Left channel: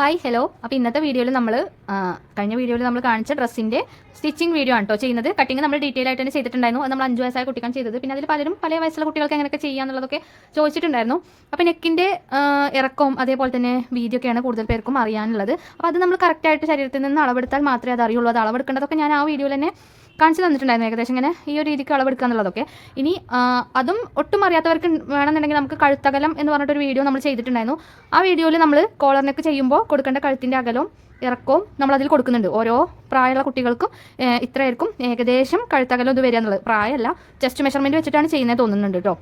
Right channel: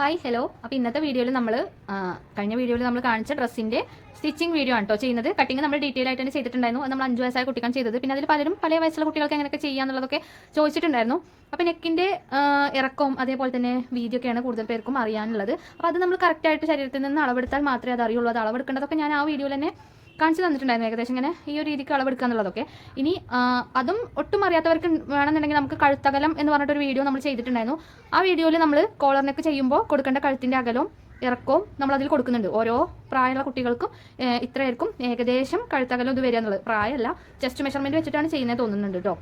Hi hello. അപ്പോൾ ഇന്നത്തെ വീഡിയോയിൽ നമ്മൾ കഴിഞ്ഞ വീഡിയോയിൽ നമ്മൾ കാണിച്ച ഡ്രസ്സിൻ്റെ സ്റ്റിച്ചിങ് വീഡിയോ ആണ് കേട്ടോ ചെയ്യുന്നത്. കട്ടിങ് നമ്മൾ ഡീറ്റെയിൽ ആയിട്ട് തന്നെ ചെയ്തിട്ടുണ്ടായിരുന്നു. അത് നമ്മൾ 5 വയസ്സായ കുട്ടിക്കാണ് ചെയ്തത്. പിന്നെ അതിൽ പലരും പല വയസ്സുള്ള കുട്ടികൾക്ക് എങ്ങനെയൊക്കെ ചെയ്യാന്നുള്ളതൊക്കെ ചോദിച്ചിട്ടുണ്ടായിരുന്നു. അപ്പോൾ നെക്കിൻ്റെ ഇറക്കവും അതേപോലെ തന്നെ വീതിയൊക്കെയാണ് കൂടുതൽ പേർക്കും അറിയാനുള്ളത്. അപ്പോൾ അത് നമ്മൾ കറക്റ്റായിട്ട് ശരീരത്തിൽ നിന്ന് അളവെടുത്താൽ മാത്രമേ അത് അറിയുള്ളൂ. അത് അളവെടുക്കേണ്ടതൊക്കെ ഞാൻ ആ വീഡിയോയിൽ തന്നെ കാണിച്ചു തന്നിട്ടുണ്ടായിരുന്നു. ഏകദേശം ഇങ്ങനെ ഈ ഒരു രീതിക്ക് അളവെടുക്കുക എന്നുള്ളതൊക്കെ. ഇനി അതും ഒട്ടും അറിയാത്തവർക്ക് വേണമെന്നുണ്ടെങ്കിൽ നമുക്ക് കഴുത്തകലം എന്ന് പറഞ്ഞിട്ടൊരു വീഡിയോ നമ്മൾ ചെയ്തിട്ടുണ്ടായിരുന്നു. ആ വീഡിയോയിൽ നമ്മൾ കോളർ നെക്ക് ചെയ്യുമ്പോൾ കൊടുക്കേണ്ട കഴുത്തിൻ്റെ അകലവും ഇറക്കവും നമ്മളതിൽ കൊടുക്കുന്നുണ്ട്. ഓരോ പ്രായമുള്ള കുട്ടികൾക്കും ഇത്രയായിരിക്കും ഏകദേശം കഴുത്തകലം ഇത് വരിക എന്നുള്ളത്. പ്രായമല്ല, ചെസ്റ്റ് മെഷർമെൻറ്റ് വെച്ചിട്ടാണ് ചെയ്യുന്നത് തോന്നുന്നുണ്ട് കേട്ടോ.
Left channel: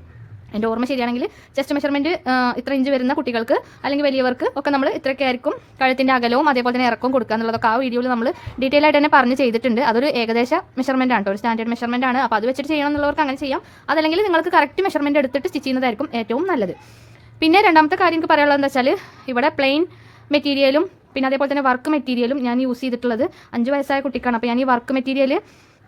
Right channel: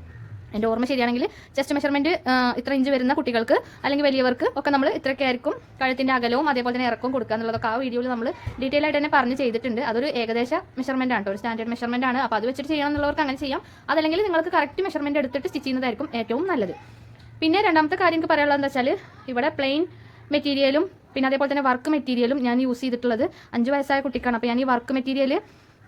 എൻ്റെ ഓർമ്മ ശരിയാണെങ്കിൽ ചെസ്റ്റ് മെഷർമെൻറ്റ് ഇത്ര ഇഞ്ച് വരുന്ന കുട്ടികൾക്ക് അല്ലെങ്കിൽ വലിയവർക്ക് ഒക്കെ നമ്മൾ ഇത്രയൊക്കെ ആയിരിക്കും കഴുത്തിൻ്റെ അകലവും അതേപോലെ തന്നെ ഇറക്കവും കൊടുക്കുക എന്നുള്ളതൊക്കെ ആ വീഡിയോയിൽ നമ്മൾ ഡീറ്റെയിൽ ആയിട്ട് തന്നെ പറഞ്ഞ് ചെയ്തിട്ടുണ്ട്. അതൊരു ഏകദേശ മെഷർമെൻ്റ് ആണ് കേട്ടോ, ഒരു സ്റ്റാൻഡേർഡ് മെഷർമെൻ്റ് ആണ്. അപ്പോൾ അത് വെച്ചിട്ട് ചെയ്യണം എന്നുള്ളവർക്ക് അങ്ങനെ ചെയ്യാം. അതല്ലെങ്കിൽ നിങ്ങൾക്ക് കറക്റ്റ് മെഷർമെൻറ്റ് എടുത്തിട്ട് സ്റ്റിച്ച് ചെയ്യുന്നതായിരിക്കും ഏറ്റവും നല്ലത്. പിന്നെ രണ്ടാമത്തെ കാര്യം എനിക്ക് പറയാനുള്ളത് എന്താ വെച്ചാൽ, ഇവിടെ പ്ലെയിൻ മെറ്റീരിയലും പിന്നെ അതേപോലെ തന്നെ വർക്ക് മെറ്റീരിയലും ഞാൻ യൂസ് ചെയ്തിട്ടുള്ളത് 5 വയസ്സായ കുട്ടിക്കാണ്. അപ്പോൾ ഞാൻ ഈ വർക്ക് മെറ്റീരിയൽ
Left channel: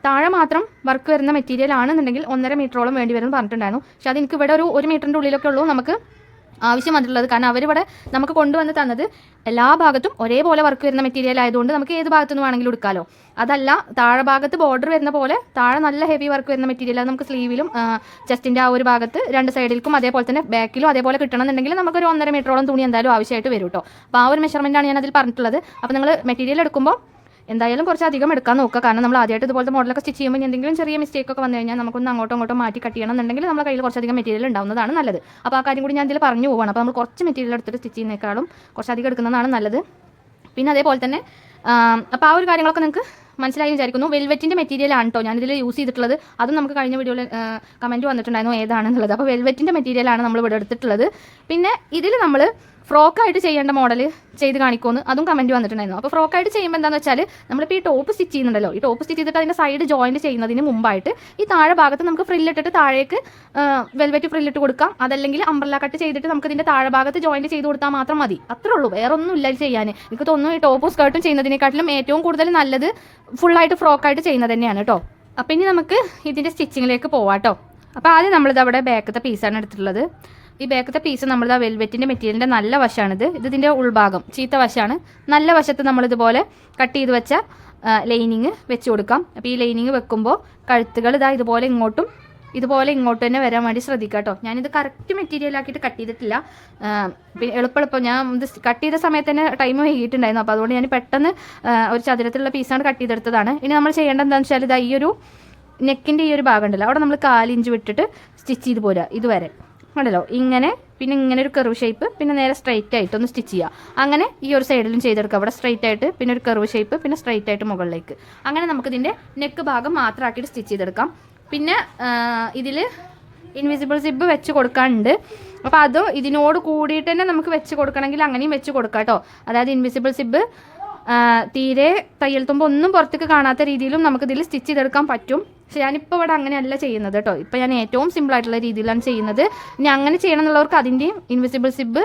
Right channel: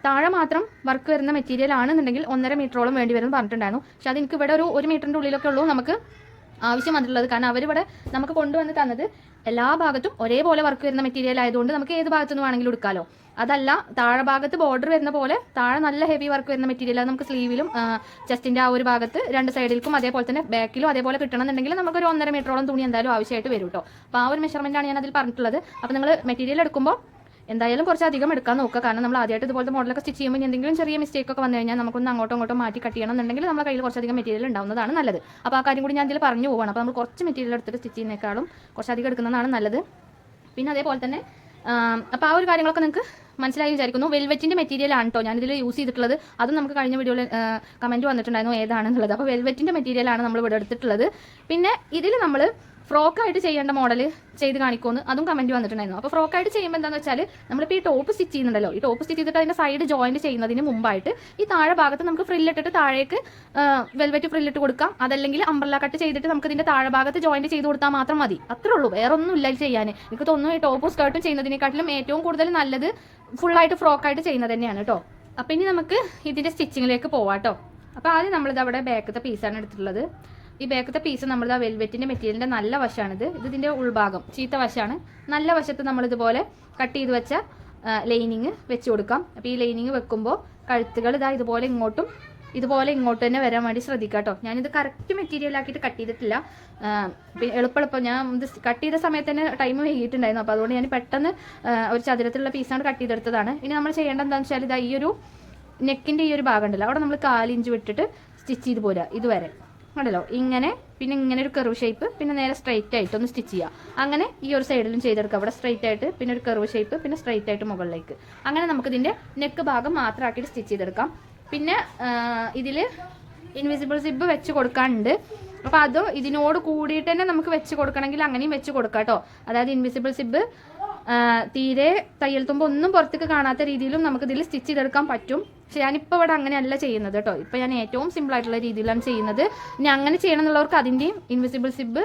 താഴെ മാത്രം വർക്ക് വരുന്ന മെറ്റീരിയൽ ആണെന്നുണ്ടെങ്കിൽ 1.5 മീറ്ററോളം വേണ്ടി വരും പറഞ്ഞിട്ടുണ്ടായിരുന്നു. പക്ഷേ അത് എനിക്ക് ഇവിടെ ഒരു 1 മീറ്ററിൻ്റെ ഉള്ളിലൊക്കെ ഉള്ളൂ നമുക്ക് ആവശ്യം വന്നിട്ടുള്ളത്. കാരണം അവരിവിടെ നമുക്ക് കൊണ്ടുവന്ന് തന്നത് എല്ലാ ഭാഗത്തും ഒരേപോലെ വർക്ക് വരുന്ന മെറ്റീരിയൽ ആയതുകൊണ്ട് നമുക്ക് ഏത് ഭാഗത്തു നിന്ന് വേണമെങ്കിലും എടുക്കാമല്ലോ. അതല്ല, താഴെ ഭാഗത്ത് ബോർഡർ വരുന്ന പോലെ താഴെ നല്ല ഹെവി വർക്ക് വരുന്ന മെറ്റീരിയൽ അത് നമുക്ക് സ്ലീവിലും ചെസ്റ്റിൻ്റെ ആ ഒരു ഭാഗത്ത് 2 സൈഡിലേക്കും അതേപോലെ തന്നെ ബാക്കിലും അതേപോലെ കിട്ടണമെന്നുണ്ടെങ്കിൽ നമുക്കൊരു 1.5 മീറ്ററോളം തുണി എന്തായാലും ആവശ്യമായിട്ട് വരും കേട്ടോ. അപ്പോൾ ആ ഒരു മെഷർമെൻറ്റാണ് ഞാൻ അതിൽ പറഞ്ഞിട്ടുള്ളത്. അപ്പോൾ നിങ്ങൾ മെറ്റീരിയൽ എടുക്കുമ്പോൾ എന്തായാലും കുറച്ചധികം എടുക്കാൻ നോക്കുക. കാരണം നമ്മൾ ആദ്യമായിട്ട് ഇതുപോലത്തെ മോഡലൊക്കെ സ്റ്റിച്ച് ചെയ്യുമ്പോൾ എന്തെങ്കിലും ചെറിയ മിസ്റ്റേക്ക് ഒക്കെ വന്നു കഴിഞ്ഞാൽ നമുക്കൊന്ന് അങ്ങോട്ടോ ഇങ്ങോട്ടോ മാറ്റി കട്ട് ചെയ്യണമെന്നുണ്ടെങ്കിൽ നമ്മുടെ കയ്യിൽ കുറച്ചധികം മെറ്റീരിയൽ ഉണ്ടാവുന്നതാണ് നല്ലത്. അപ്പോൾ ആ കാര്യം കൂടി ഞാൻ ഇതിൽ പറഞ്ഞു പോവാണ്. അപ്പോൾ നമ്മൾ കുറച്ച് മെറ്റീരിയൽ എടുത്തിട്ട് സ്റ്റിച്ച് ചെയ്യുന്നതിനേക്കാളും കുറച്ചധികം എടുക്കുന്നതാണ് നല്ലത്. പിന്നെ അതേപോലെ തന്നെ അപ്പോൾ ആ ഒരു കാര്യങ്ങളൊക്കെ നിങ്ങൾക്ക് മനസ്സിലായി വിചാരിക്കുന്നു. വെൽവെറ്റിൻ്റെ മെറ്റീരിയലാണ് കേട്ടോ ഞാനിതിൽ യൂസ് ചെയ്തിട്ടുള്ളത്. അതും നമുക്ക് കഴിഞ്ഞ വീഡിയോയിൽ കമൻറ്റ് വന്നിട്ടുണ്ടായിരുന്നു ഏതാണെന്നുള്ളത്. അപ്പോൾ വെൽവെറ്റിൻ്റെ മെറ്റീരിയലാണ് നമ്മൾ ഇവിടെ എടുത്തിട്ടുള്ളത്. പിന്നെ ഇതിൽ നമ്മൾ ഫ്രോക്കായിട്ട് ചെയ്യേണ്ട മോഡൽ ചെയ്ത് കാണിക്കുമെന്ന് അതും കമൻറ്റ് വന്നിട്ടുണ്ടായിരുന്നു. അപ്പോൾ ഫ്രോക്കായിട്ട് ചെയ്യുമ്പോൾ എന്താണെന്ന് വെച്ചാൽ, നമ്മളിപ്പോൾ ഈ ടോപ്പ് സ്റ്റിച്ച് ചെയ്യുന്നുണ്ടല്ലോ, ഈ ടോപ്പ് സ്റ്റിച്ച് ചെയ്തിട്ട് അതിൻ്റെ സൈഡ് ജോയിൻറ്റ് ചെയ്യുന്നതിന് മുമ്പായിട്ട് ഈ താഴെ ഭാഗത്ത് നമുക്ക് ഫ്രില്ലിട്ടിട്ട് താഴേക്ക് വെൽവെറ്റ് ഫ്രില്ലിട്ട് കൊടുക്കാം. അതല്ലെങ്കിൽ അംബ്രല്ല കട്ട് ചെയ്തിട്ട് നമുക്ക് ഇതിൻ്റെ താഴെ ഭാഗത്ത് ജോയിൻറ്റ് ചെയ്ത് കൊടുത്താൽ മാത്രം മതി. അത്രേ ഉള്ളൂ, വേറെ ഒന്നും ഇല്ല ചെയ്യാൻ. എനിക്ക് തോന്നുന്നു ഈ ടോപ്പും സ്കേർട്ടും ചെയ്യുന്നതിനെക്കാട്ടിലും ഏറ്റവും കൂടുതൽ നല്ലത് ഫുള്ളായിട്ട് ഫ്രോക്കായിട്ട് ചെയ്യുന്നത് തന്നെയാണ് കേട്ടോ. അപ്പോൾ ഇനി നമുക്ക് ഇതിൻ്റെ സ്റ്റിച്ചിങ്ങിലേക്ക് പോവാം കേട്ടോ. അപ്പോൾ ആദ്യം നമ്മളിത് അവിടെ ബാക്കത്തെ പീസാണ് എടുത്തിട്ടുള്ളത്. ഈ ബാക്കത്തെ പീസ് നമ്മളിത് വെൽവെറ്റിൻ്റെ മെറ്റീരിയലിൻ്റെ നല്ല വശമാണിത്. ഇതിൻ്റെ ഉൾഭാഗം ചീത്ത വശമാണ്. നല്ല വശത്ത് നമ്മളിതുപോലെ കട്ട് ചെയ്ത് വെച്ച ലൈനിങ് വെച്ച് കൊടുക്കാം. അപ്പോൾ ഈ ലൈനിങ് വെക്കുമ്പോൾ കഴുത്തുകൾ ഇതുപോലെ ഇങ്ങോട്ടും തന്നെ വരാൻ വേണ്ടി ശ്രദ്ധിക്കുക കേട്ടോ. ഞാനിത് കറക്റ്റ് മെറ്റീരിയലാക്കിയിട്ട് കട്ട് ചെയ്തിട്ടില്ല. എളുപ്പം ഞാൻ ഇത് കട്ട് ചെയ്ത സമയത്ത് തന്നെ ടൈം വൈകിട്ടുണ്ടായിരുന്നു. അപ്പോൾ അതുകൊണ്ട് ഞാൻ പെട്ടെന്ന് ഒരു ചതുരത്തിലുള്ള പീസാണ് കട്ട് ചെയ്തെടുത്തതാണ്. ഇനി നമ്മൾ ചെയ്യേണ്ടത് എന്താണെന്ന് വെച്ചാൽ, ഈ ഒരു നെക്കിൻ്റെ ഈ ഒരു ഭാഗം ഉണ്ടല്ലോ, അവിടെ നമ്മൾ 4 ഇഞ്ച് വിട്ടിട്ട് സ്റ്റിച്ച് ചെയ്ത് പോരുക. ഇതുവരെ ഉണ്ടല്ലോ ഇങ്ങനെ, പിന്നെ ഇങ്ങനെ ഒരു കർവ് ഷേപ്പ്, പിന്നെ നേരെ സ്ട്രൈറ്റ് ആയിട്ട് ഒന്ന് സ്റ്റിച്ച് ചെയ്യുക. അങ്ങനെ ഈ ഒരു സൈഡിലും ചെയ്തെടുക്കുക. അവിടെ സ്ട്രൈറ്റ് ആയിട്ട്, പിന്നെ ഒരു കർവ് ഷേപ്പ്, പിന്നെ സ്ട്രൈറ്റ് ആയിട്ട് മുകളിലേക്ക്. അങ്ങനെ നമുക്കിതിൻ്റെ നെക്ക് ഭാഗം മാത്രമാക്കിയിട്ട് സ്റ്റിച്ച് ചെയ്തെടുക്കാം. പിന്നെ ഇതിൽ ഇൻവിസിബിൾ സിബ് വെച്ച് കൊടുക്കാനുണ്ട്. അപ്പോൾ അത് ഇതിനോട് കൂടിയിട്ട് തന്നെ നമുക്ക് വെച്ച് കൊടുക്കണമെങ്കിൽ അങ്ങനെയും വെച്ച് കൊടുക്കാം കേട്ടോ. അതായത് ഇൻവിസിബിൾ സിബ് തീരെ തയ്യൽ തുമ്പ് ഒന്നും പുറത്തേക്ക് കാണാത്ത രീതിയിലും നമുക്കിതിൽ സ്റ്റിച്ച് ചെയ്തെടുക്കാൻ പറ്റും. പക്ഷേ ഞാനിപ്പോൾ ഇവിടെ അങ്ങനെയല്ല ചെയ്യുന്നത് കേട്ടോ. ഇപ്പോൾ ഞാൻ ഏറ്റവും സിമ്പിളായിട്ടുള്ള രീതിയിലാണ് ചെയ്യുന്നത്. ഇനി അങ്ങനെ ചെയ്യണം എന്നുള്ളവർക്ക് അതിൻ്റെയും ഇൻവിസിബിൾ സിബ്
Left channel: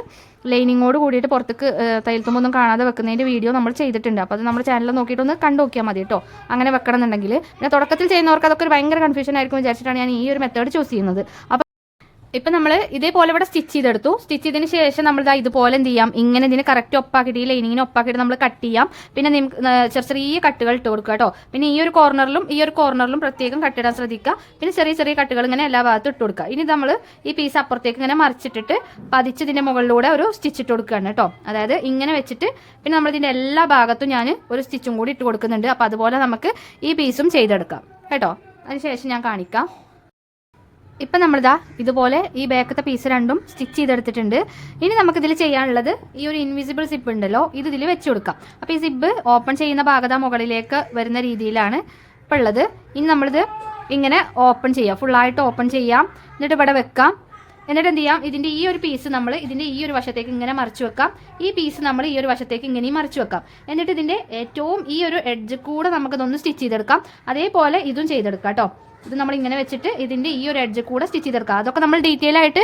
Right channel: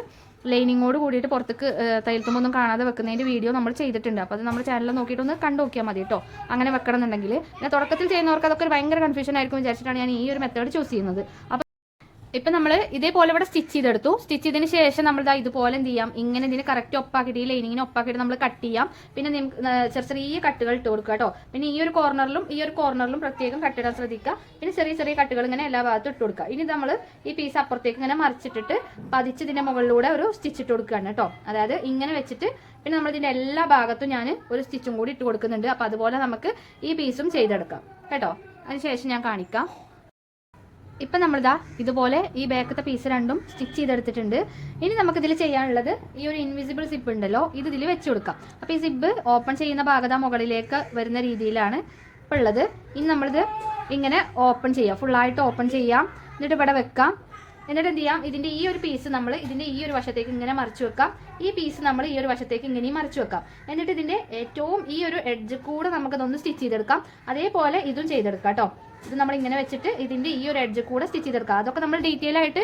ലൈനിങ്ങോട് കൂടിയിട്ട് പുറത്തേക്ക് തയ്യൽ തുമ്പൊന്നും കാണാതെ വെക്കുന്നതിൻ്റെ വീഡിയോ നമ്മൾ ചെയ്തിട്ടുണ്ട്. അപ്പോൾ അത് നമ്മുടെ ചാനലിൽ നോക്കിയിട്ടൊന്ന് കണ്ടു നോക്കിയാൽ മതി കേട്ടോ. അങ്ങനെ വെക്കണം എന്നുണ്ടെങ്കിൽ. പിന്നെ തുടക്കത്തിൽ ചെയ്യുന്നവർക്ക് അതൊക്കെ ഒരു ഭയങ്കര കൺഫ്യൂഷൻ ആയിരിക്കും വിചാരിച്ചിട്ടാണ് ഞാൻ ഈ ഒരു മെത്തേഡ് ചൂസ് ചെയ്യുന്നത്. ഇപ്പം നമ്മൾ ഇതേപോലെ ഇവിടെ സ്റ്റിച്ച് ചെയ്തെടുത്തു. സ്റ്റിച്ച് ചെയ്തതിന് ശേഷം നമ്മൾ ഇതുപോലെ എന്ത് ചെയ്യാം, ഇങ്ങനെ ഇതിന് കറക്റ്റ് ഒപ്പാക്കിയിട്ട് ഈ ലൈനിങ്ങിന് ഒപ്പാക്കിയിട്ട് നമ്മൾ കട്ട് ചെയ്യാം. പിന്നെ ചെറിയ കട്ടുകൾ ഇട്ട് കൊടുക്കുക കേട്ടോ. പിന്നെ ഈ ഒരു കോർണറിലും പ്രത്യേകം കട്ടിടാൻ ശ്രദ്ധിക്കുക. പിന്നെ ചെറിയ കട്ടുകൾ ഇങ്ങനെ എല്ലാ ഭാഗത്തും ഇട്ട് കൊടുക്കുക. ഇനി നമ്മൾ ഈ പീസ് അപ്പുറത്തേക്ക് ഇങ്ങനെ മറിച്ചിട്ടിട്ട് പതിച്ചതിൻ്റെ മുകളിലൂടെ ഒരു സ്റ്റിച്ച് ഇട്ട് കൊടുക്കുകയാണ് കേട്ടോ. അതായത് ഇങ്ങനെ വെച്ചിട്ട് പിന്നെ നമ്മളിതിൻ്റെ എല്ലാ ഭാഗത്തും ഞാൻ ഒരു സ്റ്റിച്ചും കൂടി ഇട്ട് കൊടുക്കുന്നുണ്ട്. അപ്പോൾ അതുപോലെ നമുക്ക് ഈ പീസും ചെയ്തെടുക്കാം കേട്ടോ. അതിനുശേഷം ഞാൻ കാണിക്കാം. ഇപ്പം നമ്മളിതാ ഇതുപോലെ ഈ ബാക്കത്തെ പീസ് രണ്ടും സ്റ്റിച്ച് ചെയ്തെടുത്തിട്ടുണ്ട്. ഇനി നമുക്കിതിൽ ചെയ്യാനുള്ളത് ഈ ഒരു ഇൻവിസിബിൾ സിബ് ഉണ്ടല്ലോ, ഇത് ഇതിൽ വെച്ച് കൊടുക്കാം. അപ്പോൾ ഈ സിബ് ഓപ്പൺ ചെയ്യുന്ന ഭാഗത മുകളിലേക്ക് വരുന്ന രീതിയിലാണ് ഇപ്പോൾ ഉള്ളത്. ഇനി നമ്മളിത് ഇങ്ങനെ ഓപ്പൺ ചെയ്യാം, ഫുള്ളായിട്ട് ഓപ്പൺ ചെയ്യാം. എന്നിട്ട് ഇവിടെ വെക്കാം. എന്നിട്ട് എന്ത് ചെയ്യാം, ഇതിൻ്റെ ഈ ഒരു പീസ് നമ്മൾ ഇതിൻ്റെ ഈ ഒരു വശത്തേക്ക് ഇങ്ങനെ മറിച്ച് വെക്കാം. ഈ പീസ് നമ്മൾ ഈ ഒരു വശത്തേക്ക് ഇങ്ങനെയും മറിച്ച് വെക്കാം. എന്നിട്ട് ഇതിൻ്റെ ഏറ്റവും ഈ ഒരു എഡ്ജ് കൂടെ നമുക്കിതൊന്ന് സ്റ്റിച്ച് ചെയ്തെടുക്കാം. അതേപോലെ ഇതും ചെയ്തെടുക്കാം കേട്ടോ. ഇത് നമ്മൾ ഇങ്ങനെ വെച്ചിട്ട് ഇതിൻ്റെ ഈ ഒരു എഡ്ജ് കൂടെ സ്റ്റിച്ച് ചെയ്തെടുക്കുക. അതൊക്കെ നമ്മൾ ഡീറ്റെയിൽ ആയിട്ട്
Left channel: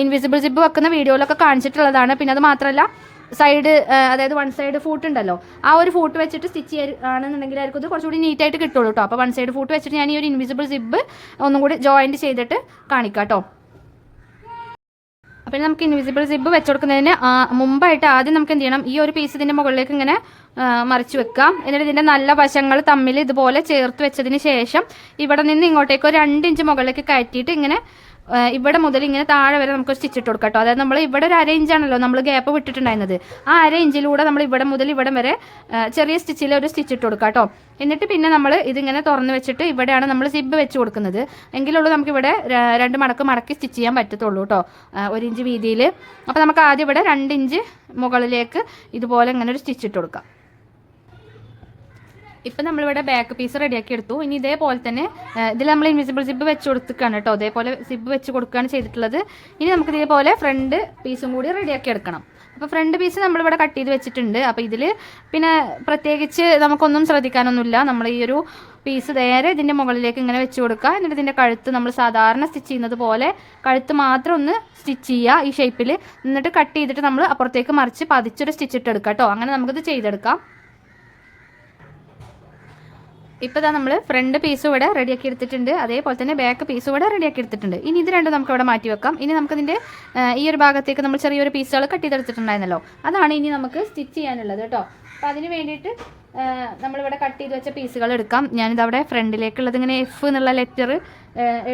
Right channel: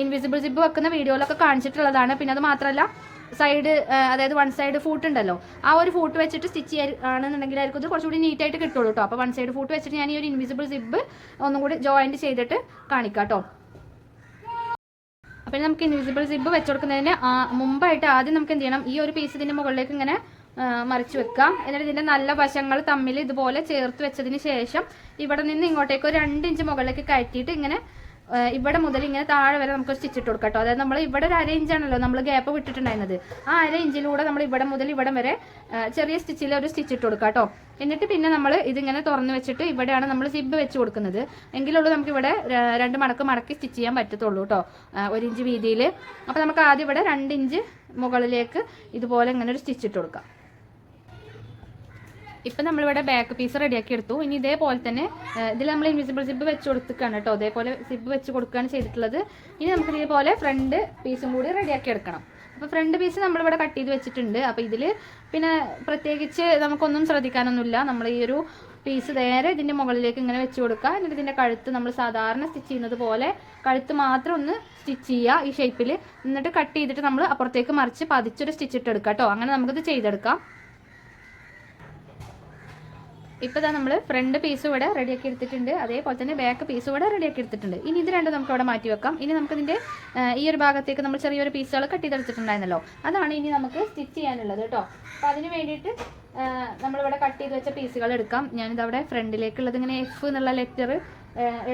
ഇൻവിസിബിൾ സിബ് വെക്കുന്ന വീഡിയോയിലൊക്കെ കാണിച്ചിട്ടുള്ളതാണ്. പിന്നെ അത് മാത്രമല്ല സൈഡ്, അതായത് 1 സൈഡ് ഫൂട്ട് ഉണ്ടല്ലോ, ആ ഒരു ഫൂട്ട് വെച്ചിട്ട് സ്റ്റിച്ച് ചെയ്യുകയാണെന്നുണ്ടെങ്കിലായിരിക്കും ഇത് കുറച്ചുകൂടി നീറ്റായിട്ട് കിട്ടുള്ളൂ കേട്ടോ. അപ്പോൾ 1 സൈഡ് ഫൂട്ട് വെച്ചിട്ട് ഞാൻ ഈ ഒരു ഇൻവിസിബിൾ സിബ് ഒന്നും കൂടി ജോയിൻറ്റ് ചെയ്തിട്ട് കാണിക്കാം കേട്ടോ. അപ്പോൾ നമുക്ക് ഇൻവിസിബിൾ സിബ് വെച്ച് കൊടുക്കുന്നതിന് മുമ്പായിട്ട് ആദ്യം നമുക്ക് എന്ത് ചെയ്യണം, ഈ ഒരു പീസ് ഇതിൻ്റെ മുകളിലേക്ക് ഇങ്ങനെ മറിച്ച് വെക്കാം. എന്നിട്ട് ഇതിൻ്റെ നല്ല വശങ്ങൾ തമ്മിൽ ഇതുപോലെ ചേർത്ത് വെച്ചതിന് ശേഷം ഇവിടെ നിന്ന് ഇങ്ങോട്ടേക്ക് ഒരു 2 ഇഞ്ച് മുകളിലേക്ക് കയറ്റിയിട്ട് ഇങ്ങനെ ഇവിടെ മുതൽ ഇങ്ങനെ താഴെ വരെ നമുക്ക് സ്റ്റിച്ച് ഇട്ട് കൊടുക്കാം കേട്ടോ. അതായത് നമ്മൾ ഇവിടെ ഒരു 1/2 ഇഞ്ചാണല്ലോ നമ്മൾ ഗ്യാപ്പ് വിട്ടിട്ടുണ്ടായിരുന്നത്. ആ 1/2 ഇഞ്ചിലൂടെ നമ്മൾ ഇവിടെ മുതൽ ഇവിടെ വരെ ചെറിയ സ്റ്റിച്ചിൽ ഒരു സ്റ്റിച്ച് ഇട്ട് കൊടുക്കാം കേട്ടോ. എന്നിട്ട് പിന്നെ നമ്മൾ ഇതിങ്ങനെ തുറന്ന് വെച്ചിട്ട് ഇവിടെയാണ് നമ്മൾ സിബ് വെച്ച് കൊടുക്കുന്നത്. എങ്കിലുള്ളൂ നമുക്കിവിടെ 2 മടക്കി സ്റ്റിച്ച് ചെയ്യാൻ പറ്റത്തുള്ളൂ കേട്ടോ, 1 ഇഞ്ച് വീതിയിൽ. അപ്പോൾ നമുക്ക് ആദ്യം ഇവിടെ 2 ഇഞ്ച് മുകളിലേക്ക് ഇതുപോലെ ഇങ്ങനെ ഒരു സ്റ്റിച്ച് ഇട്ട് കൊടുക്കാം. ഇപ്പം നമ്മളിവിടെ ബാക്ക് പീസ് റെഡിയാക്കി എടുത്തു. ഇനി ഇതേപോലെ തന്നെ ഇതിൽ നമ്മൾ ഇൻവിസിബിൾ സിബ് വെച്ച് കൊടുക്കുകയാണ് കേട്ടോ. ഇതേപോലെ സിബ് വെച്ച് കൊടുക്കുകയാണ് ചെയ്തിട്ടുള്ളത്. ഇനി നമുക്ക് ഇതേപോലെ ഫ്രണ്ട് പീസും കൂടി റെഡിയാക്കി എടുക്കണം. അപ്പോൾ ഫ്രണ്ട് പീസ് നമ്മളിവിടെ കട്ട് ചെയ്ത് വെച്ചിട്ടുണ്ട്. അപ്പോൾ ഇതിൽ പിന്നെ പ്രത്യേകിച്ച് നമുക്കൊന്നും ശ്രദ്ധിക്കാനൊന്നുമില്ല. നമ്മൾ ഈ ഒരു പീസ് നേരെ ഇതിൻ്റെ മുകളിലേക്ക് ഇങ്ങനെ വെച്ച് കൊടുക്കുക. എന്നിട്ട് ഇതിൻ്റെ കഴുത്ത് നമ്മൾ സാധാരണ സ്റ്റിച്ച് ചെയ്യുന്നത് പോലെ കഴുത്ത് മാത്രം ഒന്ന് സ്റ്റിച്ച് ചെയ്യുക ഈ ഷേപ്പിൽ. എന്നിട്ട് കട്ട് ചെയ്തിട്ട് നമ്മൾ അപ്പുറത്തേക്ക് മറിച്ച് പതിച്ചൊരു സ്റ്റിച്ച് ഇട്ട് എടുക്കാം കേട്ടോ. അങ്ങനെ നമുക്കിത് ചെയ്തെടുക്കാം. ഇപ്പോൾ ഇതാ നമ്മൾ ഫ്രണ്ട് പീസ് ഇവിടെ റെഡിയാക്കി എടുത്തിട്ടുണ്ട്. അതേപോലെ തന്നെ ബാക്ക് പീസ് ഇവിടെ റെഡിയാക്കി എടുത്തിട്ടുണ്ട്. ഇനി ഇത് രണ്ടും നമുക്ക് ഇവിടെ മാറ്റി വെക്കാം. ഇനി നമുക്കിതിൻ്റെ ഈ ഒരു ഭാഗത്തേക്ക് നമ്മൾ ചെറിയൊരു പീസുകൾ കട്ട് ചെയ്തെടുത്തിട്ടുണ്ടായിരുന്നല്ലോ, അതാണ് ഇനി നമുക്ക് സ്റ്റിച്ച് ചെയ്യാനുള്ളത് കേട്ടോ. അപ്പോൾ അതിന് വേണ്ടിയിട്ട് നമ്മളിവിടെ കട്ട് ചെയ്ത് വെച്ച പീസുകൾ എടുക്കാം. ഞാനിതവിടെ ഫ്രണ്ടിലേക്കുള്ളത് ഇങ്ങനെ F എന്നുള്ള ലെറ്റർ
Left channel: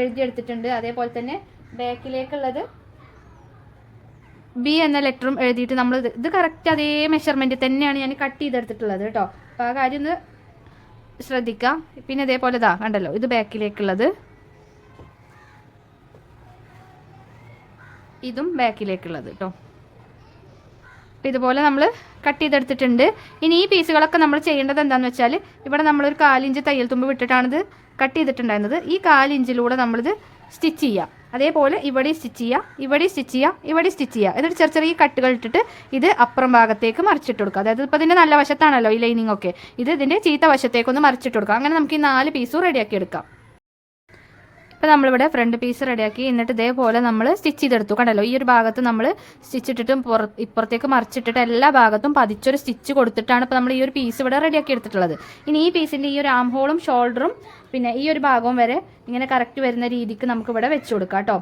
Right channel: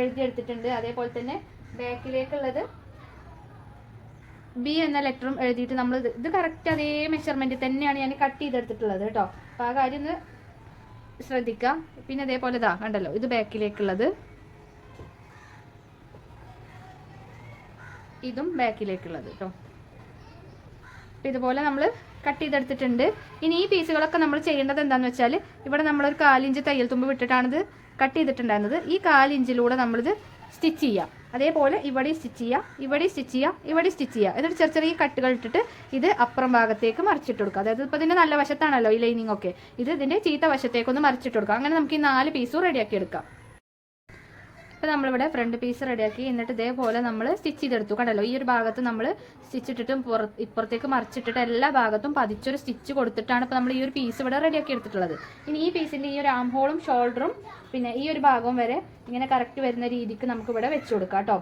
എഴുതിയെടുത്തിട്ടുണ്ട്. അതേപോലെ തന്നെ ബാക്കിലേക്കുള്ളത് B എന്ന ലെറ്ററും എഴുതിയിട്ട് നമ്മൾ ഇത് കറക്റ്റ് അതേ മെഷർമെൻറ്റ് തന്നെയാണ് ഞാൻ കട്ട് ചെയ്തെടുത്തിട്ടുള്ളത് കേട്ടോ. അപ്പോൾ ആ കാര്യം ഒന്ന് ശ്രദ്ധിക്കാം. പിന്നെ ഇതേപോലെ ഇതാ കണ്ടല്ലോ, ഇത് ബാക്കിലേക്കുള്ളത്, ഇതും ബാക്കിലേക്കുള്ളത് കേട്ടോ. അപ്പം ഇതുപോലെ നമ്മൾ കട്ട് ചെയ്തെടുത്തിട്ടുണ്ട്. ഇനി ഈ പീസുകളൊക്കെ നമ്മൾ ചെയ്യേണ്ടത് എന്താണെന്ന് വെച്ചാൽ ഇവിടെ നമ്മളൊരു 1/4 ഇഞ്ച് തയ്യൽ തുമ്പ് വിട്ടിട്ടാണിത് കട്ട് ചെയ്തിട്ടുണ്ടായിരുന്നത്. ഈ 1/4 ഇഞ്ചിലൂടെ നമ്മളിത് സ്റ്റിച്ച് ചെയ്യാം. അതേപോലെ ഇവിടെ സ്റ്റിച്ച് ചെയ്യുക, ഇവിടെ സ്റ്റിച്ച് ചെയ്യുക, ഇവിടെ സ്റ്റിച്ച് ചെയ്യുക. എന്നിട്ട് ചെറിയ ചെറിയ കട്ടുകൾ ഇട്ടിട്ട് ഇത് അപ്പുറം ഭാഗത്തേക്ക് മറിച്ചിട്ട് കൊടുക്കുക. അതായത് ഇപ്പോൾ ഇതിൻ്റെ നല്ല വശത്താണല്ലോ ഈ ലൈനിങ് ഒക്കെ, ഇത് ഇതിൻ്റെ ചീത്ത വശത്തേക്കൊന്ന് മറിച്ചിട്ട് കൊടുക്കുക. അങ്ങനെ നമുക്ക് ഈ 4 പീസും റെഡിയാക്കി എടുക്കാം. ഇപ്പോൾ നമ്മളിവിടെ ഫ്രണ്ട് പീസ് റെഡിയാക്കി. എന്നിട്ട് ഇതേപോലെ നമ്മൾ സ്റ്റിച്ച് ചെയ്തെടുത്തു. കണ്ടല്ലോ, ഈ ഒരു ഭാഗത്ത് നമ്മൾ സ്റ്റിച്ച് ഇട്ടിട്ട് ഇപ്പുറത്തേക്ക് മറിച്ചിട്ടിട്ട് എല്ലാ ഭാഗത്തും പതിച്ചൊരു സ്റ്റിച്ച് കൊടുത്തിട്ടാണ് ഇപ്പോൾ നമ്മൾ ഈ ഒരു പീസ് ഇവിടെ റെഡിയാക്കി എടുത്തിട്ടുള്ളത്. ഇനി ഈ പീസിൻ്റെ ഈ ഒരു ആം ഹോളും ഷോൾഡറും പിന്നെ ഈ ഒരു ഭാഗവും വരെ ഇങ്ങനെ കറക്റ്റ് വരുന്ന രീതിക്ക് നമുക്കിവിടെ വെച്ച് കൊടുക്കാം കേട്ടോ.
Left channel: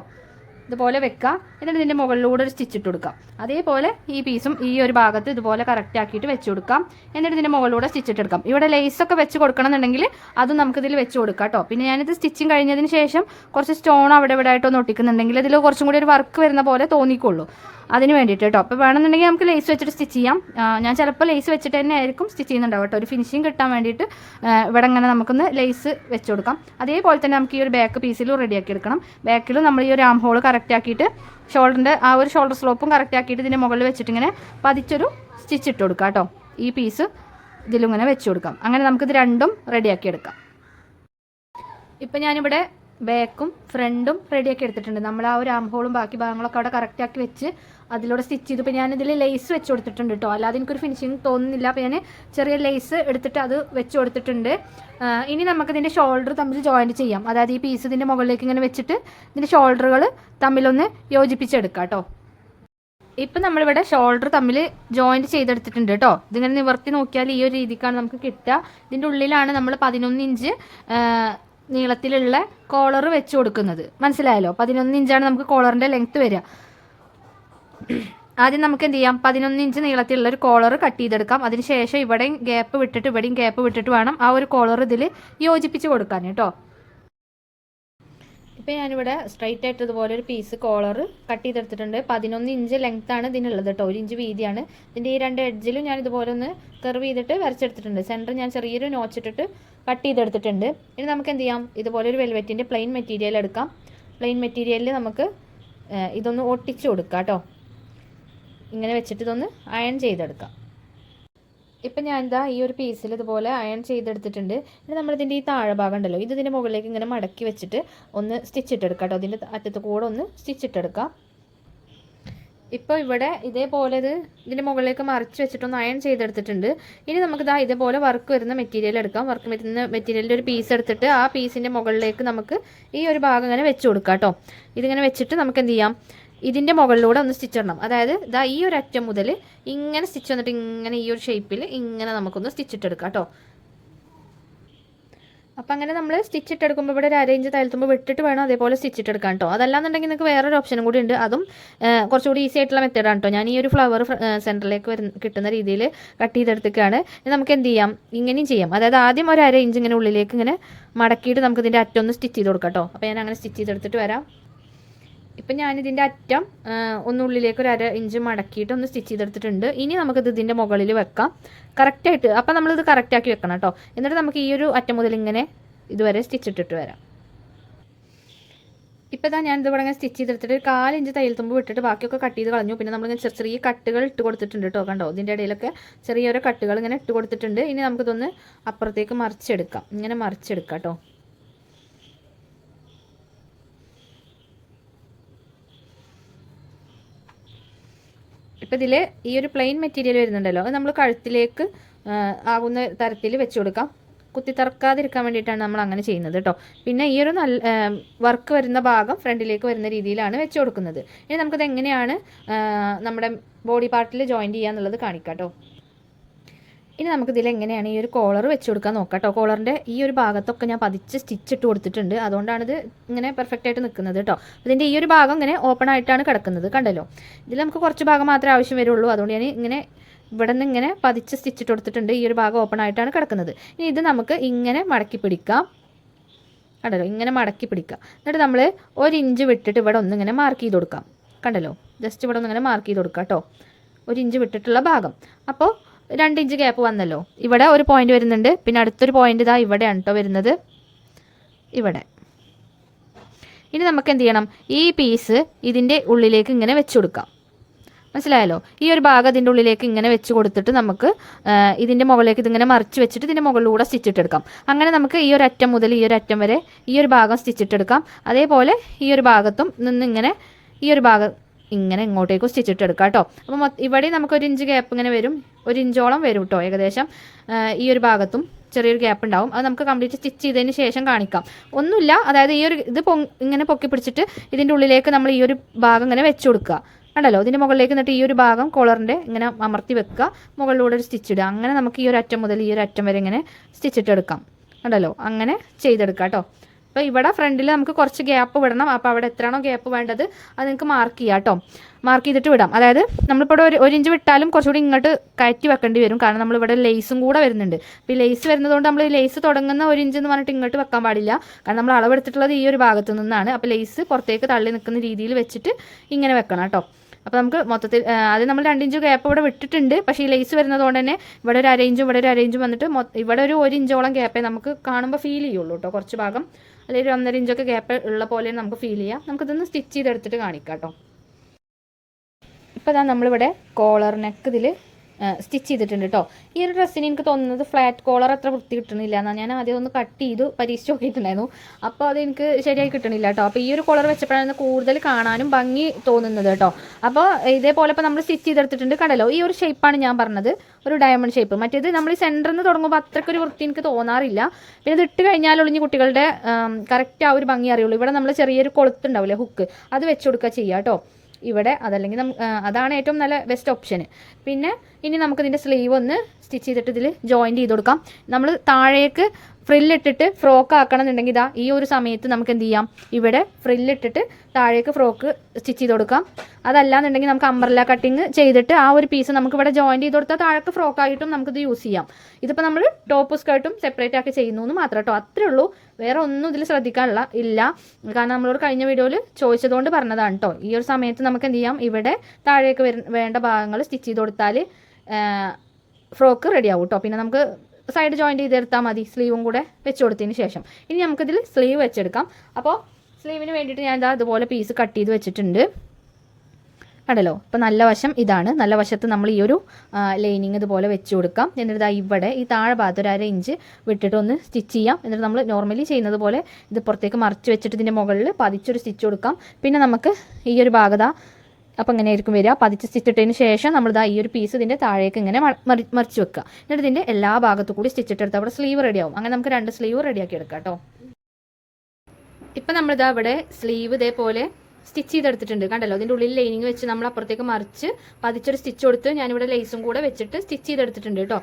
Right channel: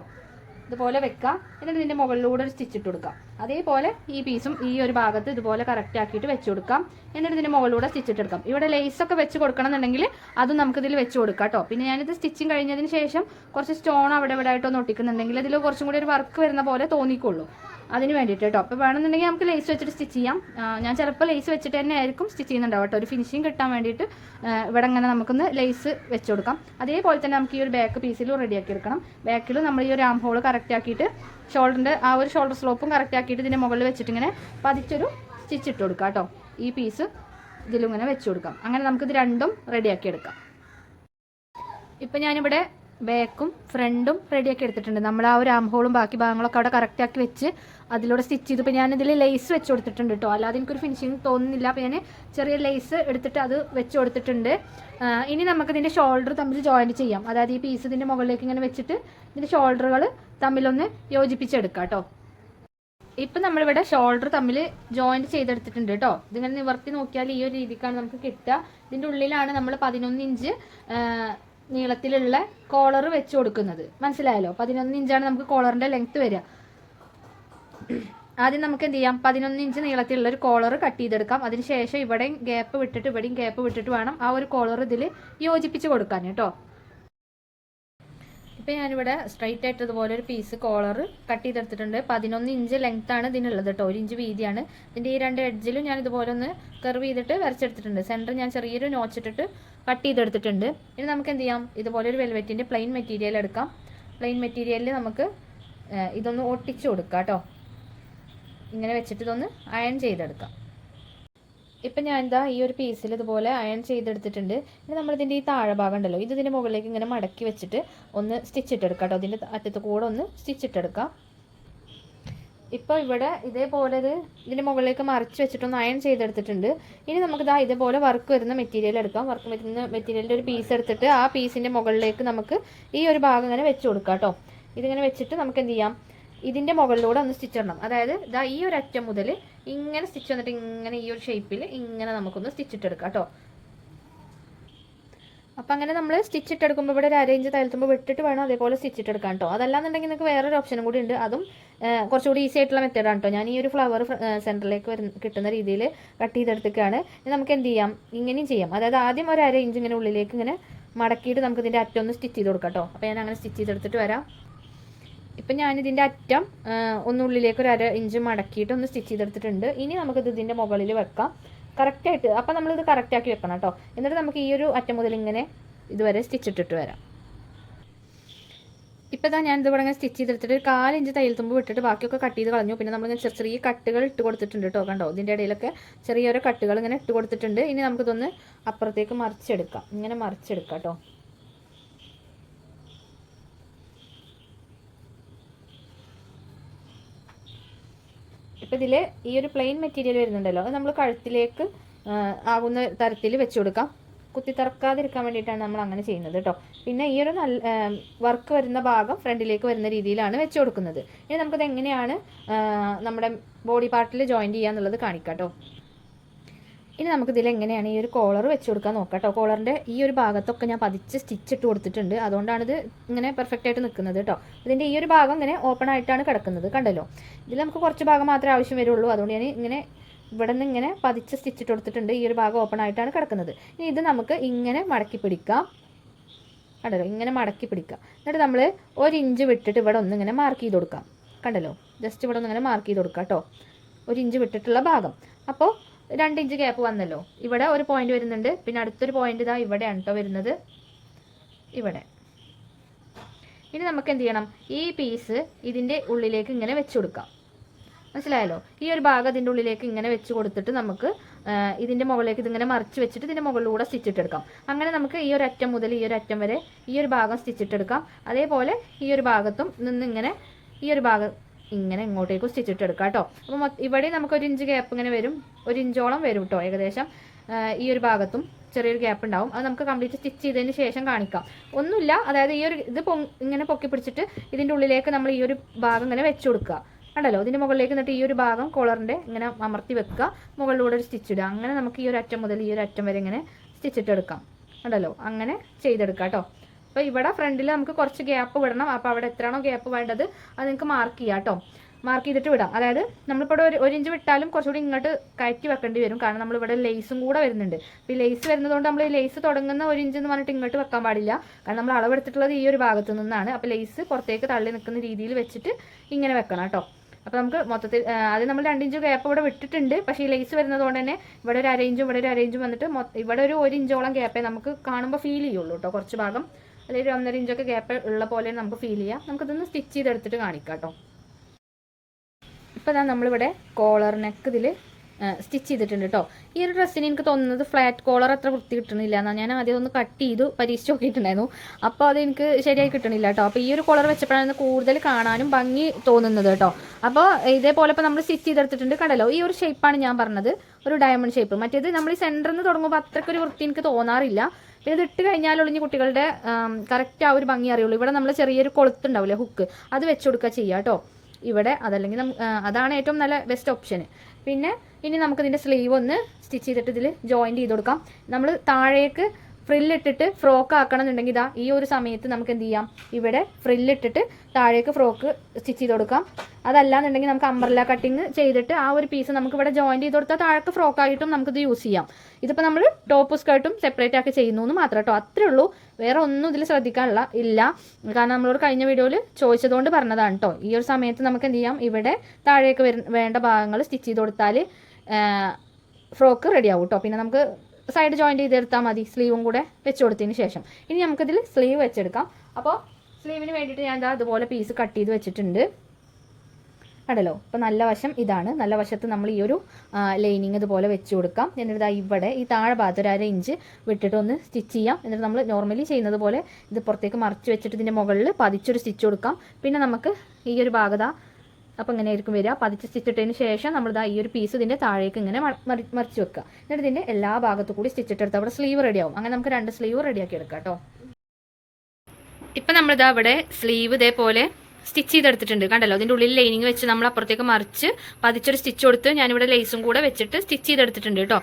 ഇതുപോലെ വെക്കാം. എന്നിട്ട് ഇതിൻ്റെ മുകളിലൂടെ ഒരു സ്റ്റിച്ച് ഇട്ട് കൊടുക്കാം. അതേപോലെ ഈ പീസും ഈ ഒരു ഭാഗത്ത് ഇതുപോലെ കറക്റ്റ് ആക്കിയിട്ട് വെച്ച് കൊടുക്കാം. എന്നിട്ട് ഇതിൻ്റെ മുകളിലൂടെ സ്റ്റിച്ച് ഇട്ടെടുക്കാം. ഇവിടെ ലേസൊക്കെ വെച്ച് കൊടുക്കണം എന്നുണ്ടെങ്കിൽ അതും നമുക്കിതിൽ വെച്ച് കൊടുക്കാം കേട്ടോ. പിന്നെ ഞാനിത് സ്റ്റിച്ചിങ് കഴിഞ്ഞതിന് ശേഷം കുറച്ച് സ്റ്റോൺ അവിടെ ഇവിടെ ആയിട്ടൊന്ന് ഒട്ടിക്കുന്നുണ്ടെങ്കിൽ ഇതിൽ കുറച്ചും കൂടി ഒരു വർക്ക് വരുന്ന പോലെ തോന്നിക്കുള്ളൂ, അതിന് വേണ്ടിയിട്ട് കേട്ടോ. അപ്പോൾ വേണമെന്നുണ്ടെങ്കിൽ നമുക്ക് ലേസ് വെച്ചിട്ട് സ്റ്റിച്ച് ചെയ്യാം. ഞാൻ ചിലപ്പോൾ ലേസ് വെച്ചിട്ട് തന്നെ ആയിരിക്കും സ്റ്റിച്ച് ചെയ്യുന്നുണ്ടാവും കേട്ടോ. ഒരു ഫിനിഷിങ് കിട്ടാൻ വേണ്ടിയിട്ട് ഇവിടെ ഇങ്ങനെ നമുക്കൊന്ന് ലേസ് വെച്ച് കൊടുക്കാം. അതേപോലെ തന്നെ നമുക്ക് ഈ ഒരു ബാക്ക് പീസിലും റെഡിയാക്കി എടുക്കണം. ബാക്കിലും നമ്മൾ ഈ ഒരു ആം ഹോൾ കറക്റ്റ് ആക്കിയിട്ട് ഷോൾഡറിൻ്റെ ആ ഒരു ഷോൾഡർ സ്ലോപ്പും കറക്റ്റ് ആക്കിയിട്ട് ഇതിൻ്റെ മുകളിൽ വെച്ചിട്ട് ഇങ്ങനെ പതിച്ചൊരു സ്റ്റിച്ച് ഇട്ട് കൊടുക്കാം കേട്ടോ. ഈ പീസ് ഇതിലും ഇങ്ങനെ വെച്ച് കൊടുക്കാം. അങ്ങനെ നമുക്കിത് രണ്ടും റെഡിയാക്കി എടുക്കാം. ഇപ്പം ഞാനിവിടെ ബാക്കും ഫ്രണ്ടും റെഡിയാക്കി എടുത്തിട്ടുണ്ട്. നമ്മൾ ആ ഒരു ആം ഹോളും ബാക്കി ഭാഗങ്ങളൊക്കെ അവിടെ കറക്റ്റാക്കി വെച്ച് അതിലൂടെ സ്റ്റിച്ച് ചെയ്തു. ഇപ്പോൾ ഞാനിതിൽ ലേസ് വെച്ച് കൊടുത്തിട്ടുണ്ട് കേട്ടോ. അല്ലാതെ എനിക്കൊരു ഫിനിഷിങ് തോന്നുന്നില്ല. അപ്പോൾ ഞാൻ ചെറിയ ലേസ് എടുത്തിട്ട് അത് വെച്ച് കൊടുത്തിട്ടുണ്ട്. ഇനി നമുക്കിതിൻ്റെ ഷോൾഡർ തമ്മിൽ ജോയിൻറ്റ് ചെയ്യാം. അതായത് ഈ പീസ് ഇതിൻ്റെ മുകളിലേക്ക് ഇങ്ങനെ വെച്ചിട്ട് ഇതിൻ്റെ ഷോൾഡറുകൾ തമ്മിലൊന്ന് യോജിപ്പിച്ചെടുക്കാം കേട്ടോ. ഇപ്പം നമ്മളിവിടെ ഷോൾഡർ തമ്മിൽ ജോയിൻറ്റ് ചെയ്തെടുത്തിട്ടുണ്ട് കേട്ടോ. ഇതിങ്ങനെ നിവർത്തി നോക്കിയാൽ ഈ ഒരു രീതിക്കാണ് നമുക്ക് കിട്ടുക. ഇതിൻ്റെ ഉള്ളിലാണ് നമ്മൾ 11 ഇഞ്ച് നീളത്തിലുള്ള കോളർ വെച്ച് കൊടുക്കുന്നത്. മനസ്സിലായല്ലോ? 11 ഇഞ്ചാണ് നമുക്ക് കോളറിൻ്റെ ലെങ്ത്ത് വരിക. ആദ്യം നമുക്ക് എന്ത് ചെയ്യാം, 11 ഇഞ്ച് നീളത്തിലുള്ള ഒരു കോളർ കട്ട് ചെയ്തെടുക്കാം. അതിനുശേഷം ഇവിടെയും ഗ്യാപ്പ് വിട്ടിട്ട് ഇവിടെയും ഗ്യാപ്പ് വിട്ടിട്ട് വേണം ആ ഒരു കോളർ ഇതിൽ യോജിപ്പിച്ച് കൊടുക്കാൻ കേട്ടോ. ഇപ്പോൾ ഞാനിവിടെ സ്ട്രൈറ്റ് ആയിട്ട് ഇതുപോലെ ഒരു പീസ് കോളർ കട്ട് ചെയ്തെടുത്തിട്ടുണ്ട്. 11 ഇഞ്ച് ലെങ്ത്താണ് ഇതിനുള്ളത് കേട്ടോ. 1 ഇഞ്ച് വീതിയാണ്. ഇതിൻ്റെ ഈ 2 എഡ്ജിലും ഞാൻ ഇതുപോലെ ഒന്ന് കർവ് ചെയ്തിട്ട് വരച്ചെടുത്തിട്ടുണ്ട്. സെൻറ്റർ ഞാൻ ചെറിയൊരു നോച്ചിട്ടിട്ട് കട്ട് ചെയ്തെടുത്തിട്ടുണ്ട്. ഇനി നമുക്ക് എന്ത് ചെയ്യാം, ഇതുപോലെ ഒരു വെൽവെറ്റിൻ്റെ പ്ലെയിൻ മെറ്റീരിയൽ എടുക്കാം. പ്ലെയിൻ മെറ്റീരിയലിൽ നമുക്ക് ഇതൊന്ന് ഒട്ടിച്ചു കൊടുക്കാം കേട്ടോ. ഇങ്ങനെ വെച്ചിട്ട് ഇതൊന്ന് അയൺ ചെയ്തെടുക്കാം. ഇപ്പം ഞാനിതാ ഈ ഒരു പീസിൽ ഇതുപോലെ അയൺ ചെയ്തെടുത്തിട്ടുണ്ട്. ഇനി നമ്മളിതിൻ്റെ ഈ താഴെ ഭാഗം ഉണ്ടല്ലോ, ഇത് ഇതിൻ്റെ മുകളിലേക്ക് ഇങ്ങനെ മടക്കി വെച്ചിട്ട് ഒന്ന് സ്റ്റിച്ച് ഇട്ടെടുക്കാം കേട്ടോ. അതിൻ്റെ അറ്റത്ത് കൂടെ ഒന്ന് സ്റ്റിച്ച് ഇട്ടെടുക്കാം. ഇപ്പോൾ ഇവിടെ ഇതേപോലെ ഇതിൻ്റെ മുകളിലേക്ക് മറിച്ച് വെച്ചിട്ടൊന്ന് അയൺ ചെയ്തെടുത്തിട്ടുണ്ട്. ഇനി നമുക്കിതാ ഇതേപോലെ വർക്ക് വരുന്ന മെറ്റീരിയൽ എടുക്കാം. വർക്ക് വരുന്ന മെറ്റീരിയലിൻ്റെ ഒരു പീസ് എടുത്തിട്ട് ആ പീസിൻ്റെ മുകളിലേക്ക് നമുക്ക് ഈ ഒരു ഭാഗം ഇങ്ങനെ വെച്ച് കൊടുക്കാം കേട്ടോ. ഇതിങ്ങനെ വെച്ചിട്ട് നമുക്ക് എന്ത് ചെയ്യാം, ഇതിൻ്റെ മുകളിലൂടെ ഒന്ന് സ്റ്റിച്ച് ഇടണം. അതായത് ഇതാ ഈ ഒരു അറ്റം മുതൽ ഇങ്ങനെ സ്റ്റിച്ച് വന്നിട്ട് ഇങ്ങനെ ഈ ഒരു ഷേപ്പിൽ ഇങ്ങനെ നമുക്കൊന്ന് സ്റ്റിച്ച് ഇട്ടെടുക്കാം കേട്ടോ. അപ്പോൾ അങ്ങനെ നമ്മൾ സ്റ്റിച്ച് ഇട്ടെടുക്കുമ്പോൾ ഇവിടെ ഒരു അരയിഞ്ച് തയ്യൽത്തുമ്പോൾ വിട്ടിട്ട് വേണം അതേപോലെ സ്റ്റിച്ച് ഇട്ടെടുക്കാൻ കേട്ടോ. അതല്ലാന്നുണ്ടെങ്കിൽ നിങ്ങൾക്ക് വേറൊരു ഓപ്ഷനും കൂടി ഉണ്ട്. അതും കുറച്ചുകൂടി ഈസി ആയിട്ടുള്ള മെത്തേഡാണ് കേട്ടോ. ഞാൻ ഈ ഒരു ഫ്ലവർ സെൻറ്ററിലേക്ക് കിട്ടുന്ന രീതിയിൽ കട്ട് ചെയ്തെടുത്തേക്കാണ്. നമുക്ക് എന്ത് ചെയ്യാം, ഇങ്ങനെയും ചെയ്യാം. അതായത് ആദ്യം ഒരു അരയിഞ്ച് ഇങ്ങനെ ഉള്ളിലേക്ക് ഇങ്ങനെ മടക്കിയിട്ട് നമുക്ക് ഇതിൻ്റെ അറ്റം ഒന്ന് സ്റ്റിച്ച് ചെയ്ത് കൊടുക്കാം കേട്ടോ. അപ്പോൾ ഞാൻ അങ്ങനെ സ്റ്റിച്ച് ചെയ്തെടുത്തിട്ട് വരാം. ഇപ്പം ഞാനിതിൻ്റെ അറ്റം ഒന്നുള്ളിലേക്ക് ഒരു അര-ഇഞ്ച് മടക്കിയിട്ട് ഒന്ന് സ്റ്റിച്ച് ചെയ്തെടുത്തിട്ടുണ്ട്. ഇനി നമുക്കിത് ഇതിൻ്റെ മുകളിൽ വെക്കാം കറക്റ്റായിട്ട്. അപ്പം നമ്മളിത് കറക്റ്റാക്കി വെക്കണം കേട്ടോ. എന്നിട്ട് നമുക്ക് ഈ ഒരു അറ്റം മുതൽ ഇങ്ങനെ ഇതുവരെ സ്റ്റിച്ച് ഇട്ടിട്ട് വരാം. ഇപ്പോൾ ഞാൻ ഇതിവിടെ ഇങ്ങനെ സ്റ്റിച്ച് ചെയ്തെടുത്തിട്ട് ഒരു 1/4 ഇഞ്ച് തയ്യൽ തുമ്പ് വിട്ടിട്ട് ബാക്കിയൊക്കെ കട്ട് ചെയ്ത് കളഞ്ഞു. പിന്നെ നമ്മളിങ്ങനെ ചെറിയ കട്ടുകൾ ഇട്ട് കൊടുത്തിട്ടുണ്ട് കേട്ടോ. കണ്ടോ, ഇതിൻ്റെ ഇടയിലൊക്കെ ചെറിയൊരു കട്ടുകൾ ഇങ്ങനെ ഇട്ട് കൊടുത്തിട്ടുണ്ട്. ഇനി നമുക്കിതൊന്ന് അപ്പുറത്തേക്ക് മറിച്ചെടുക്കാം. ഇങ്ങനെ മറിച്ചെടുക്കാം കേട്ടോ. ഇപ്പം ഇതിൽ ഈ ഒരു പ്ലെയിൻ മെറ്റീരിയൽ വരുന്നുണ്ടല്ലോ, അത് നമ്മൾ കഴുത്തിലേക്ക് ആവുന്ന തരത്തിൽ വെച്ച് കൊടുക്കാം. കുത്തി തറക്കാതിരിക്കാൻ വേണ്ടിയിട്ടാണ് നമ്മൾ അങ്ങനെ ചെയ്യുന്നത് കേട്ടോ. പിന്നെ ഈ ഒരു നല്ല വർക്ക് വരുന്ന ഭാഗം ഫ്രണ്ടിലേക്ക് വരുന്ന രീതിയിലാണ് വെച്ച് കൊടുക്കുന്നത്. ഇനി നമുക്കത് എങ്ങനെയാണ് നമ്മുടെ ബോഡി പാർട്ടിൽ ജോയിൻ ചെയ്യുക എന്നുള്ളത് കാണിക്കാം കേട്ടോ. ഇനി നമുക്കിതിൽ എങ്ങനെയാണ് ഈ ഒരു കോളർ വെച്ച് കൊടുക്കാൻ നോക്കാം കേട്ടോ. കോളറിൻ്റെ ഈ ഒരു ഭാഗത്തൊക്കെ ഞാൻ പതിച്ച് സ്റ്റിച്ച് ഇട്ട് കൊടുത്തിട്ടുണ്ട്. അതുകൊണ്ടാണിത് ഇങ്ങനെ പെർഫെക്റ്റ് ആയിട്ട് നിൽക്കുന്നത് കേട്ടോ. ഇതിൻ്റെ ഈ ഒരു ഭാഗം ഇങ്ങനെ ഓപ്പൺ ആയിട്ടാണ് കിടക്കുന്നത്, കണ്ടല്ലോ. ഇതിൽ നമുക്ക് കുറച്ച് ഭാഗം മാത്രമേ ആവശ്യം വരുള്ളൂ. അതുകൊണ്ട് ഞാൻ ഇങ്ങനെ ഇവിടെ നിന്ന് ഇങ്ങനെ പതിച്ച് സ്റ്റിച്ച് ഇട്ട് കൊടുത്തിട്ടുണ്ട്. ഈ ഒരു ഭാഗം ഓപ്പൺ ആയിട്ടാണ് കിടക്കുന്നത്. ഇനി ഇത് നമുക്ക് ഇങ്ങനെ മടക്കി പിടിക്കാം, കണ്ടല്ലോ. ഇങ്ങനെ മടക്കി പിടിക്കാം. എന്നിട്ട് നമ്മൾ 1 ഇഞ്ച് വിട്ടിട്ട് ഇവിടെ ഒന്നിങ്ങനെ മാർക്ക് ചെയ്ത് കൊടുക്കാം, കണ്ടല്ലോ. ജസ്റ്റ് ഇവിടെ ഒന്നിങ്ങനെ മാർക്ക് ചെയ്ത് കൊടുക്കാം കേട്ടോ. 1 ഇഞ്ച് വിട്ടിട്ടുള്ള ഭാഗം. അപ്പോൾ 2 ഇഞ്ച് ഗ്യാപ്പ് വന്നല്ലോ. ഇവിടെ ഒരു പോയിന്റ് വരുന്നുണ്ട്. പിന്നെ അടുത്തൊരു പോയിന്റ് ഇതാ ഇവിടെയാണ് കേട്ടോ വരുന്നത്, ഇവിടെ. ഇനി നമുക്ക് എന്ത് ചെയ്യണം, ഈ പീസ് ഇതിൻ്റെ ഉള്ളിലേക്ക് ഇങ്ങനെ വെച്ച് കൊടുക്കാം. മനസ്സിലായല്ലോ. ഈ ഒരു ഭാഗം ഇതിൻ്റെ ഉള്ളിലേക്ക് ഇങ്ങനെ വെച്ച് കൊടുത്തിട്ട് നമുക്ക് ഇതിൻ്റെ മുകളിലേക്ക് ഇതിങ്ങനെ മറിച്ച് വെച്ചിട്ട് ഇതിൻ്റെ മുകളിലൂടെ സ്റ്റിച്ചിട്ടെടുക്കാം. അങ്ങനെ നമുക്ക് ഈ ഒരു അറ്റം മുതൽ ഈ ഒരു അറ്റം വരെ ഈ ഒരു ഭാഗം സ്റ്റിച്ചിട്ടെടുക്കാം. അതേപോലെ ഈ ഒരു ഭാഗത്തും നിന്ന് ഇങ്ങനെ ഈ ഒരു ഭാഗം ഇങ്ങനെ ഇങ്ങോട്ടേക്കും സ്റ്റിച്ചിട്ടെടുക്കാം കേട്ടോ. അപ്പം ഇവിടെ നമുക്ക് 1 ഇഞ്ച് ഗ്യാപ്പ് ഇങ്ങനെ വരും, 1 ഇഞ്ചോളം വരും കേട്ടോ ഏകദേശം. ഈ ഒരു ഭാഗത്തും ചെറിയൊരു ഗ്യാപ്പ് ഉണ്ടാവും. അത് നമുക്ക് കംപ്ലീറ്റ് സ്റ്റിച്ച് ചെയ്തതിന് ശേഷം കാണിക്കാം. ഒന്നുമില്ല, അതായത് ഈ ഒരു ഇത് ഇങ്ങനെ പൊക്കി പിടിച്ചിട്ട് ഇതിൻ്റെ ഉള്ളിലേക്ക് നമ്മൾ ഈ ഒരു ഭാഗം ഇങ്ങനെ വെച്ച് കൊടുക്കുക, കണ്ടല്ലോ. ഇതിൻ്റെ മുകളിലേക്ക് എന്നിട്ട് ഈ ഒരു ഭാഗം കോളറിൻ്റെ ഇങ്ങനെ അമർത്തി വെക്കുക, മുകളിലൂടെ ഒരു സ്റ്റിച്ച് ഇടുക. അങ്ങനെ നമുക്ക് ഈ ഒരു അറ്റം മുതൽ ഈ ഒരു അറ്റം വരെ ഇങ്ങനെ സ്റ്റിച്ചിട്ടെടുക്കാം, കണ്ടല്ലോ. അങ്ങനെ ചെയ്തെടുക്കാം കേട്ടോ. അപ്പോൾ ഇവിടെ ഫ്രണ്ടിൽ നമുക്ക് കുറച്ച് ഗ്യാപ്പ് വിടണം. അപ്പോൾ അവിടെ എത്രയാണോ ഗ്യാപ്പ് വേണ്ടത് അത് നിങ്ങൾക്ക് മാർക്ക് ചെയ്യാം കേട്ടോ. മാർക്ക് ചെയ്തിട്ട് വിടാം. അതായത് നമ്മളിപ്പോൾ ഇവിടെ 1 ഇഞ്ച് വിട്ടാലും കുറച്ചുകൂടി ഇങ്ങോട്ട് കയറ്റി വെക്കേണ്ടി വരും. കാരണം നമ്മളിവിടെ ലേസും കൂടെ വരുന്നുണ്ട്. അപ്പോൾ ഈ ലേസ് വരുന്നതുകൊണ്ട് നമ്മൾ ഈ ലേസ് തുടങ്ങുന്ന 1 ഇഞ്ച് എന്ന് പറഞ്ഞിട്ട് ഇങ്ങോട്ട് വെക്കാൻ പാടില്ല. കാരണം നമ്മൾ അളവെടുത്തിട്ടുള്ളത് ഈ ഒരു ഭാഗത്തു നിന്നാണ്. അപ്പോൾ ലേസ് പുറത്തേക്ക് തള്ളി നിൽക്കുന്ന രീതിയിൽ വെച്ചിട്ട് ഇങ്ങനെ വെക്കണം കേട്ടോ. അപ്പോൾ നമുക്ക് മൊത്തത്തിൽ അത് നമ്മൾ 2 ഇഞ്ച് ഗ്യാപ്പ് ഇവിടെ വിട്ടിട്ടുണ്ട്. പക്ഷേ ഈ ലേസ് വരുന്നതുകൊണ്ട് തന്നെ ഇവിടെ ഒരു അരയിഞ്ചും ഇവിടെ ഒരു അരയിഞ്ചും വന്നിട്ട് ഇവിടെ ഒരു 1 ഇഞ്ചോളം ഗ്യാപ്പേ നമുക്ക് കാണുമ്പോൾ ഫീൽ ചെയ്യുള്ളൂ കേട്ടോ. കുറച്ച് ഭാഗം അല്ലെങ്കിൽ 1.5 ഇഞ്ചൊക്കെ ഗ്യാപ്പ് ഉള്ള പോലെ നമുക്ക് ഫീൽ ചെയ്യാം. നമുക്കിതൊന്ന് സ്റ്റിച്ച് ചെയ്തെടുത്തിട്ട് കാണിക്കാം കേട്ടോ. ഇപ്പോൾ ഇതാ നമ്മളിവിടെ കോളർ നെക്ക് ഇതിൽ സ്റ്റിച്ച് ചെയ്തിട്ടുണ്ട് കേട്ടോ. ഈ ഒരു ഡ്രസ്സിന് എനിക്ക് തോന്നുന്നത് ഫ്ലാറ്റ് കോളർ അത്ര വൃത്തി കിട്ടണില്ല എന്നാൽ ഞാൻ ആദ്യം ഒന്ന് കട്ട് ചെയ്തു പരീക്ഷിച്ച് നോക്കിയിട്ടുണ്ടായിരുന്നു. അപ്പോൾ അത് എനിക്ക് ശരിയായി കിട്ടണില്ല കേട്ടോ. അപ്പോൾ ഈ ഒരു കോളർ വെച്ചപ്പോഴാണ് കൂടുതൽ കാണാനും ഭംഗി തോന്നുന്നത് കേട്ടോ. അപ്പോൾ ഇതേപോലെ ഇപ്പോൾ നമ്മൾ സ്റ്റിച്ച് ചെയ്തെടുത്തിട്ടുണ്ട്, കണ്ടല്ലോ. ഈ ഒരു ഷേപ്പാണ് ഞാൻ പറഞ്ഞത്, ഒരു ഡയമണ്ട് ഷേപ്പ്. മറ്റേത് നമ്മൾ ഈ സെൻറ്ററിൽ നിന്ന് തുടങ്ങുമ്പോൾ അത്രയ്ക്കൊരു വൃത്തി എനിക്ക് തോന്നാറില്ല. പിന്നെ ഇത് ഇട്ട് കഴിഞ്ഞാൽ ഒളിഞ്ഞ് കുട്ടികളുടെ കറക്റ്റ് ആ ഒരു ഭംഗി അറിയുള്ളൂ. ഇവിടെ നമ്മൾ ചെറിയൊരു കൊളുത്തുണ്ടാവില്ലേ, ഹുക്ക്, അത് വെച്ച് കൊടുക്കുക ചെയ്യുക കേട്ടോ ഇവിടെ. അതല്ലെങ്കിൽ അതാണ് ഏറ്റവും നല്ല ബെസ്റ്റ് ഓപ്ഷൻ. പിന്നെ ഇനി നമുക്കിതിൻ്റെ സ്ലീവ് ഒന്ന് സ്റ്റിച്ച് ചെയ്തിട്ട് ഇതിൽ ജോയിൻറ്റ് ചെയ്ത് കൊടുക്കാം. നമ്മൾ താഴേക്ക് ഫ്രില്ലിട്ടിട്ട് ഫ്രോക്ക് ആക്കണം എന്നുണ്ടെങ്കിൽ ഇതാ ഈ ഒരു സമയത്ത് നമുക്ക് എന്ത് ചെയ്യാം, ഇവിടെ ഫ്രില്ലിട്ടിട്ട് താഴേക്ക് ഫ്രോക്ക് സ്റ്റിച്ച് ചെയ്ത് കൊടുക്കാം. അതല്ലാന്നുണ്ടെങ്കിൽ നമുക്ക് അംബ്രല്ല കട്ടിങ് ചെയ്തിട്ട് ആ ഒരു പീസ് നമുക്ക് ഇവിടെ ജോയിൻറ്റ് ചെയ്ത് കൊടുത്താൽ താഴേക്ക് ഫ്രോക്കായിട്ടും നമുക്കിത് യൂസ് ചെയ്യാം. ഇതിപ്പോൾ നമ്മൾ ടോപ്പ് സ്കേർട്ടും സെപ്പറേറ്റ് ആക്കി ചെയ്യുന്നു എന്ന് മാത്രം കേട്ടോ. അത്രേ ഉള്ളൂ, വേറെ ഒന്നും ഇതിൽ ശ്രദ്ധിക്കാനുള്ള ഇല്ല. കാരണം നമ്മളോട് കഴിഞ്ഞ വീഡിയോയിൽ ചോദിച്ചതുകൊണ്ട് പറഞ്ഞതാണ് കേട്ടോ. ഈ ഒരു സമയത്ത് നമുക്ക് എന്ത് ചെയ്യാം, ഇവിടെ താഴേക്ക് വേണ്ട ഭാഗങ്ങൾ സ്റ്റിച്ച് ചെയ്ത് കൊടുത്താൽ ഫ്രോക്ക് റെഡി ആവും കേട്ടോ. പിന്നെ നമുക്ക് സൈഡ് ജോയിൻറ്റ് ചെയ്തെടുത്താൽ മതി, സ്ലീവും കൂടെ വെച്ച് കൊടുത്തതിന് ശേഷം. ഇനി നമുക്കിതിൽ സ്ലീവ് വെച്ചെടുക്കാം. അപ്പോൾ സ്ലീവിന് വേണ്ടിയിട്ട് ഞാൻ ഇതാ അതുപോലെ പീസ് കട്ട് ചെയ്ത് വെച്ചിട്ടുണ്ട്, കണ്ടല്ലോ. ഇപ്പോൾ നല്ല വശം ഇതാണ്. നല്ല വശത്ത് നമ്മൾ ഈ ഒരു ലൈനിങ് ഇതുപോലെ വെച്ച് കൊടുക്കാം. എന്നിട്ട് ഇവിടെ ഈ താഴെ ഭാഗത്ത് 1/2 ഇഞ്ച് വിട്ടിട്ടൊന്ന് സ്റ്റിച്ച് ചെയ്യാം. എന്നിട്ട് നമ്മൾ നോർമലി ചെയ്യുന്നത് പോലെ ഇത് പുറത്തേക്ക് മറിച്ച് വെച്ചിട്ട് ഇതിൻ്റെ മുകളിൽ പതിച്ചൊരു സ്റ്റിച്ച് കൊടുക്കാം. പിന്നെ നമുക്ക് ഈ ഒരു ഭാഗത അപ്പോൾ ഇങ്ങനെ ആയിരിക്കും വരിക. പതിച്ച് സ്റ്റിച്ച് ഇട്ടതിന് ശേഷം നമ്മളിതാ ഈ ഒരു പീസ് ഇതിൻ്റെ താഴേക്ക് ഇങ്ങനെ മറിച്ച് വെക്കുക. എന്നിട്ട് ഇതിൻ്റെ എല്ലാ ഭാഗത്തു കൂടി സ്റ്റിച്ച് ഇട്ടെടുത്ത് അവിടെ സ്ലീവ് റെഡി ആവും. അങ്ങനെ നമുക്ക് 2 സ്ലീവ് റെഡിയാക്കി എടുക്കാം കേട്ടോ. ഇപ്പം നമ്മളിതാ ഇവിടെ സ്ലീവ് ഇതേപോലെ സ്റ്റിച്ച് ചെയ്തെടുത്തിട്ടുണ്ട്. കണ്ടല്ലോ, ഇതിൻ്റെ ഉള്ളിൽ ലൈനിങ് വെച്ച് നമ്മൾ അപ്പുറത്തേക്ക് മറിച്ച് പതിച്ചൊരു സ്റ്റിച്ച് കൊടുത്ത് ഞാനിവിടെ ലേസും കൂടെ വെച്ചിട്ട് സ്റ്റിച്ച് ചെയ്തെടുത്തിട്ടുണ്ട് കേട്ടോ.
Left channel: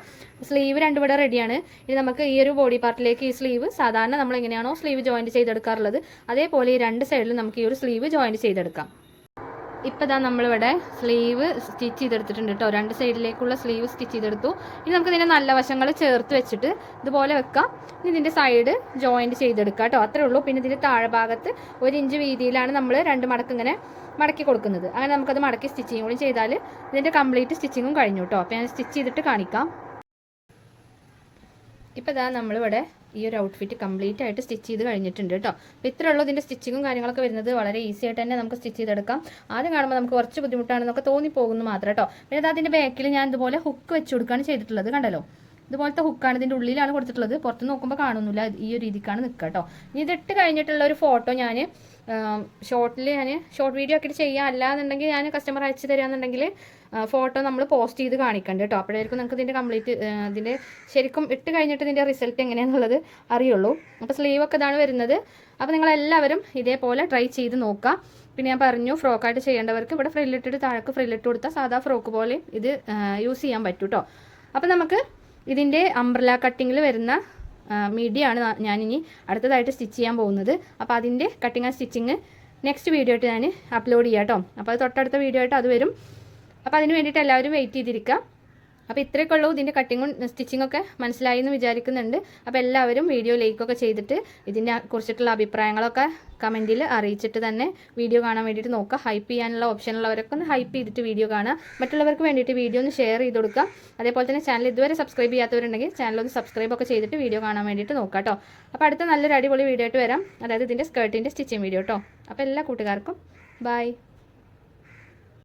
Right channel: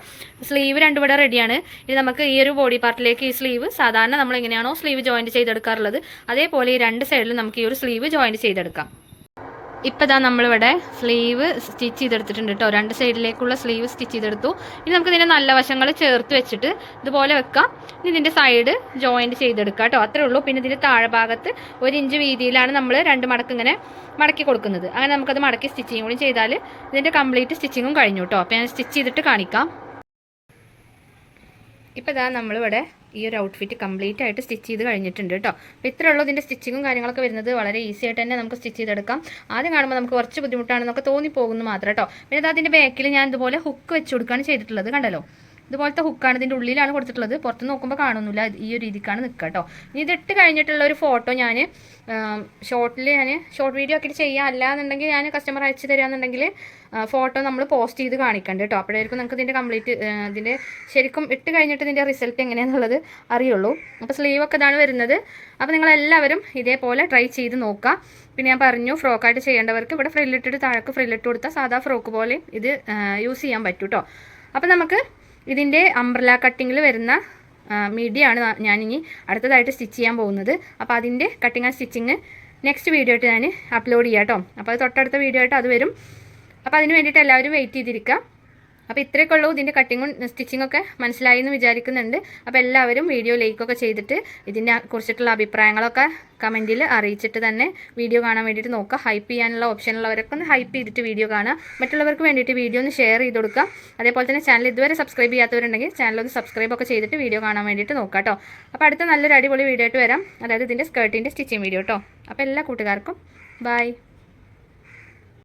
സ്ലീവ് രണ്ടും ഇവിടെ റെഡിയാണ്. ഇനി നമുക്ക് ഈ ഒരു ബോഡി പാർട്ടിലേക്ക് ഈ സ്ലീവ് സാധാരണ നമ്മൾ എങ്ങനെയാണോ സ്ലീവ് ജോയിൻറ്റ് ചെയ്തെടുക്കാറുള്ളത് അതേപോലെ ഈ രണ്ട് സൈഡിലും നമുക്ക് ഈ ഒരു സ്ലീവ് ജോയിൻറ്റ് ചെയ്തെടുക്കാം. ഇപ്പോൾ ഇതാ നമ്മളിവിടെ സ്ലീവ് സ്റ്റിച്ച് ചെയ്തെടുത്തിട്ടുണ്ട് കേട്ടോ. രണ്ട് സൈഡിലേക്കുള്ള സ്ലീവ് സ്റ്റിച്ച് ചെയ്തെടുത്തു. ഇനി നമുക്ക് ഇതിൻ്റെ നല്ല വശങ്ങൾ ചേർത്ത് വെച്ചിട്ട് ഇതുപോലെ വെക്കാം. ഇനി ഇതിൻ്റെ സൈഡ് ജോയിൻറ്റ് ചെയ്തെടുക്കാം കേട്ടോ. അത്രേ ഉള്ളൂ. പിന്നെ ഇതിൻ്റെ താഴെ ഭാഗത്ത് 1 ഇഞ്ച് വീതിയിലാണ് നമ്മൾ 2 മടക്ക് ഇങ്ങനെ മടക്കി കൊടുക്കുന്നത്. അങ്ങനെ നമുക്കത് മടക്കി സ്റ്റിച്ചിങ് കൂടി ചെയ്താൽ ഇതിൻ്റെ കംപ്ലീറ്റ് സ്റ്റിച്ചിങ്ങും കഴിഞ്ഞു കേട്ടോ. അപ്പോൾ ഞാൻ സ്റ്റിച്ച് ചെയ്തിട്ട് കാണിക്കാം. ഇപ്പോൾ ഇതാ നമ്മളിവിടെ ഈ ഒരു ഔട്ട്ഫിറ്റ് കംപ്ലീറ്റ് ആയിട്ട് സ്റ്റിച്ച് ചെയ്ത് കഴിഞ്ഞിട്ടുണ്ട് കേട്ടോ. അപ്പോൾ ഇത്രയേ ഉള്ളൂ. ഇതിൻ്റെ സ്റ്റിച്ചിങ്ങും കാര്യങ്ങളൊക്കെ വരുന്നത് വളരെ ഈസി ആയിട്ട് തന്നെ നമുക്ക് സ്റ്റിച്ച് ചെയ്തെടുക്കാം. ആദ്യം കാണുമ്പോൾ നമുക്ക് കുറച്ച് ബുദ്ധിമുട്ടാണെന്നൊക്കെ തോന്നിപ്പോകുന്നു മാത്രം കേട്ടോ. പിന്നെ അതിൻ്റെ ബാക്കിൽ ഞാൻ ഇതുപോലെ ഹുക്ക് വെച്ച് കൊടുക്കുകയാണ് ചെയ്തിട്ടുള്ളത്. കണ്ടല്ലോ, ഇതുപോലത്തെ ഹുക്കാണ് ഇതിൻ്റെ ഉള്ളിലാണ് കൊടുത്തിട്ടുള്ളത്. പുറത്ത് നോക്കുമ്പോൾ കാണുന്നില്ല. ഈ ഒരു രീതിക്കാണ് നിൽക്കുക കേട്ടോ. ഇനി ഇതിട്ട് കഴിഞ്ഞിട്ടുള്ള ഒരു ഫോട്ടോ ഞാൻ ഷോർട്ട് വീഡിയോ ആക്കിയിട്ട് ചെയ്യാം. അല്ലാന്നുണ്ടെങ്കിൽ ഞാൻ കസ്റ്റമർ അയച്ചു തരാമെന്നുണ്ടെങ്കിൽ ഫോട്ടോ നമ്മൾ പോസ്റ്റ് ചെയ്ത് കാണിക്കണ്ട കേട്ടോ. അപ്പോഴായിരിക്കും നമുക്ക് ഇതിൻ്റെ കംപ്ലീറ്റ് ഇതിൻ്റെ ശരിക്കും ഇട്ട് കഴിഞ്ഞിട്ട് ഇതിൻ്റെ റിസൾട്ട് എങ്ങനെയാണെന്നുള്ളത് അറിയുള്ളൂ. അപ്പോൾ സ്ലീവൊക്കെ ഇതാണ് വരുന്നത്. അപ്പോൾ നിങ്ങളെല്ലാവരും ഇതേപോലെ ട്രൈ ചെയ്ത് നോക്കുക. പിന്നെ ഞാൻ പറഞ്ഞു, ഫ്രോക്കായിട്ട് ചെയ്യേണ്ടവർക്ക് ഇവിടെ ഫ്രില്ലിട്ടിട്ട് താഴേക്ക് ഫ്രില്ലിട്ട് കൊടുത്താൽ സാധാ ഫ്രോക്ക് പോലെ ഇത് യൂസ് ചെയ്യാൻ പറ്റും കേട്ടോ. അപ്പോൾ നമുക്ക് ഇതിൻ്റെ അംബ്രല കട്ടിങ്ങിൽ വരുന്ന മിഡിയാണ് ഞാനിനി അടുത്തതായിട്ട് സ്റ്റിച്ച് ചെയ്യാൻ പോകുന്നത്. അപ്പോൾ അതിൻ്റെ cutting and stitching next video ആയിട്ട് ഞാൻ അപ്ലോഡ് ചെയ്യാം കേട്ടോ. അപ്പോൾ അത് തൊട്ടടുത്ത വീഡിയോ ആയിട്ട് അത് വരും. അപ്പോൾ അതിന് വേണ്ടിയിട്ട് എല്ലാവരും വെയിറ്റ് ചെയ്തിരിക്കുക. അപ്പോൾ ഇത്രയൊക്കെ ഉള്ളൂ. ഇതിൻ്റെ കട്ടിങ്ങും സ്റ്റിച്ചിങ്ങൊക്കെ മനസ്സിലായി എന്ന് വിചാരിക്കുന്നുണ്ട്. അപ്പോൾ എല്ലാവരും വീഡിയോ ലൈക്കൊക്കെ ചെയ്തിട്ട് ഇതിനെ കുറിച്ചിട്ടുള്ള അഭിപ്രായങ്ങളൊക്കെ കമൻറ്റിൽ അറിയിച്ചിട്ട് തന്നെ വീഡിയോ കാണാൻ വേണ്ടിയിട്ട് നോക്കുക. ഹൈപ്പ് ചെയ്യാനുള്ള ഓപ്ഷനുള്ളവരൊക്കെ ഒന്ന് ഹൈപ്പ് ചെയ്തിട്ട് വീഡിയോ കാണുക. മറ്റുള്ളവർക്ക് വേണ്ടിയിട്ട് വീഡിയോ ഒന്ന് ഷെയർ ചെയ്ത് കൊടുക്കുക. അതേപോലെ തന്നെ ചാനൽ ഇതുവരെ സബ്സ്ക്രൈബ് ചെയ്യാത്തവരുണ്ടെങ്കിൽ ചാനലൊന്ന് സബ്സ്ക്രൈബ് ഒക്കെ ചെയ്തിട്ട് വീഡിയോ കാണാൻ വേണ്ടിയിട്ട് നോക്കുക കേട്ടോ. അപ്പോൾ അടുത്ത നല്ലൊരു അടിപൊളി വീഡിയോ ആയിട്ട് വരാം. അതായത് ഇതിൻ്റെ സ്കേർട്ടിൻ്റെ സ്റ്റിച്ചിങ് വീഡിയോ കേട്ടോ. അപ്പോൾ എല്ലാ കൂട്ടുകാർക്കും ബൈ.